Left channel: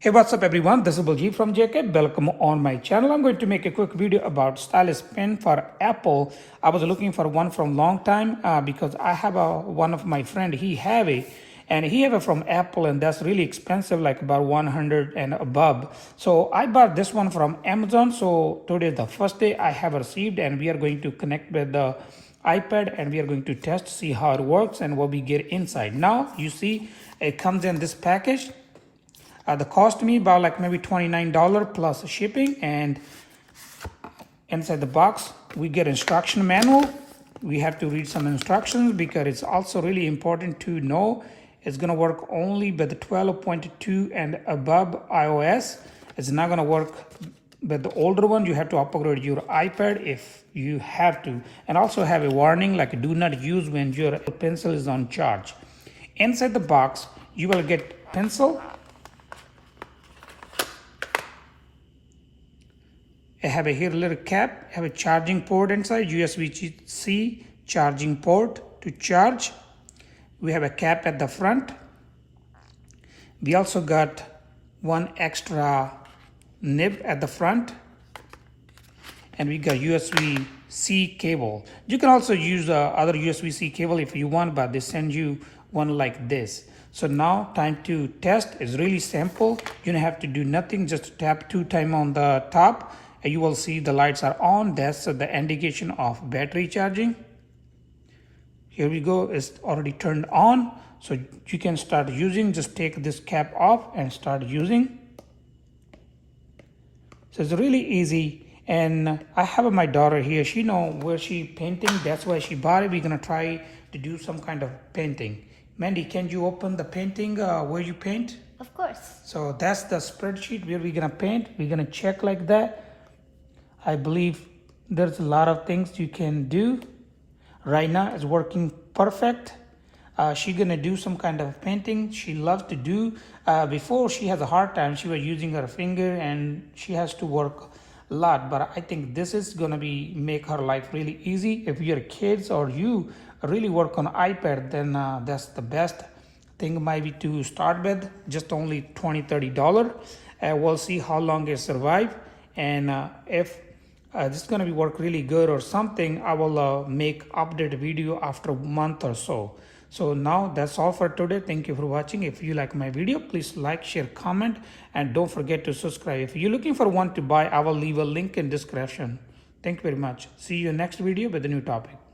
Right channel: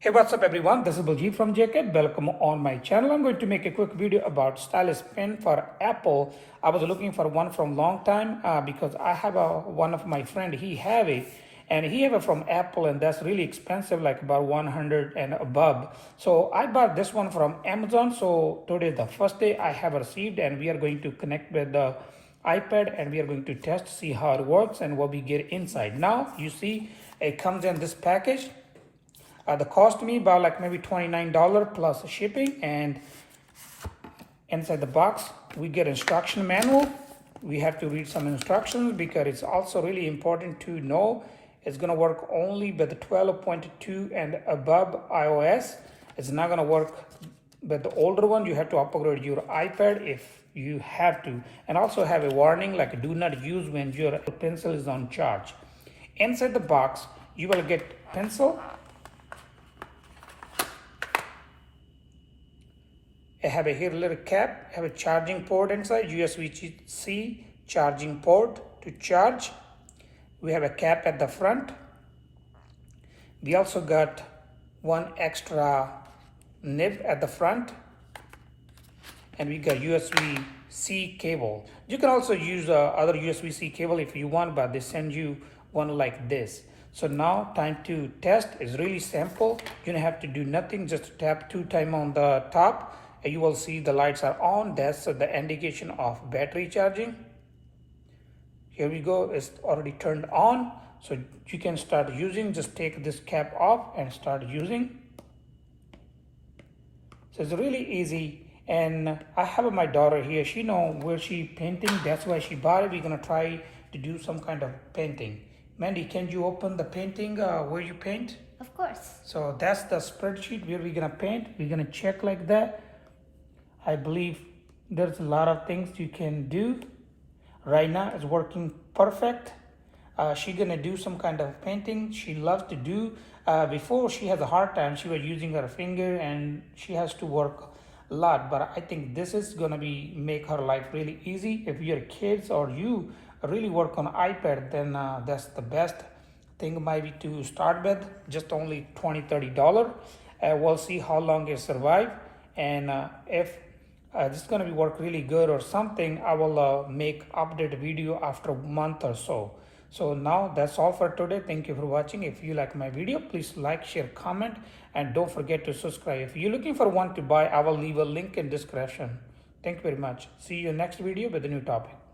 Hey, what's up everyone? This is Baljit from JK. Welcome on my channel. I'm going to make a quick video about Stylus pen for Apple. I was looking for one from long time because I have one of my friend, he have it and he have it from Apple and that's really expensive, like about 100 and above. So I bought this one from Amazon. So today is the first day I have received and we are going to connect with the iPad and we are going to test, see how it works and what we get inside. Now you see it comes in this package. The cost me about like maybe $29 plus shipping, and inside the box we get instruction manual. We have to read some instructions because it's also really important to know it's going to work only with the 12.2 and above iOS. It's not going to work with the older one. You have to upgrade your iPad if you have to, and also have a warning like do not use when your pencil is on charge. Inside the box you will get pencil. I have a here little cap, I have a charging port inside, USB-C charging port to charge. We have a cap at the front. We also got one extra nib at the front. And we got USB-C cable. You can also use other USB-C cable if you want, but they send you one like this. So now time to test. It's really simple. You don't have to do nothing, just tap 2 times on the top. And you will see the lights are on. That's the indication of battery charging. Here we go, it's already turned on. So you can start using, just take this cap off and start using. So it's really easy. And I have my daughter here, she know where she painting, that's why she bought it. We're gonna try to do some kind of painting. Mandy, can you open the painting where you paint? Of course. So that's the spreadsheet where we're gonna paint. We're gonna check like that. I believe there's a lot of things you can do. Right now it's working perfect. She's gonna do some kind of painting she loves to do. Before she has a hard time, she was using her finger and she has to work a lot, but I think this is gonna be make her life really easy. If you're kids or you really work on iPad, then that's the best thing maybe to start with. Just only $20-30. We'll see how long it survive, and if this is gonna be work really good or something, I will make update video after a month or so. So now that's all for today. Thank you for watching. If you like my video, please like, share, comment, and don't forget to subscribe. If you're looking for one to buy, I will leave a link in description. Thank you very much. See you next video with a new topic.